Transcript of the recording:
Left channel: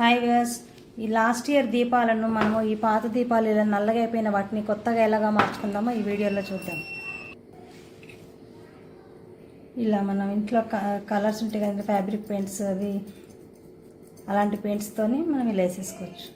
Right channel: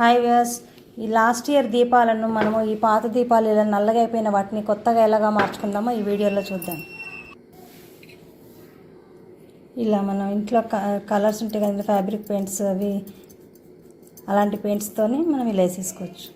Hi viewers, ఈ last year దీపాలను మనము ఈ పాత దీపాలు ఇలా నల్లగా అయిపోయిన వాటిని కొత్తగా ఎలాగా మార్చుకుందామో ఈ వీడియోలో చూద్దాం. ఇలా మనం ఇంట్లో కలర్స్ ఉంటాయి కదా, ఫ్యాబ్రిక్ పెయింట్స్ అవి అలాంటి పెయింట్స్తోని మనం ఇలా వేసేసుకోవచ్చు.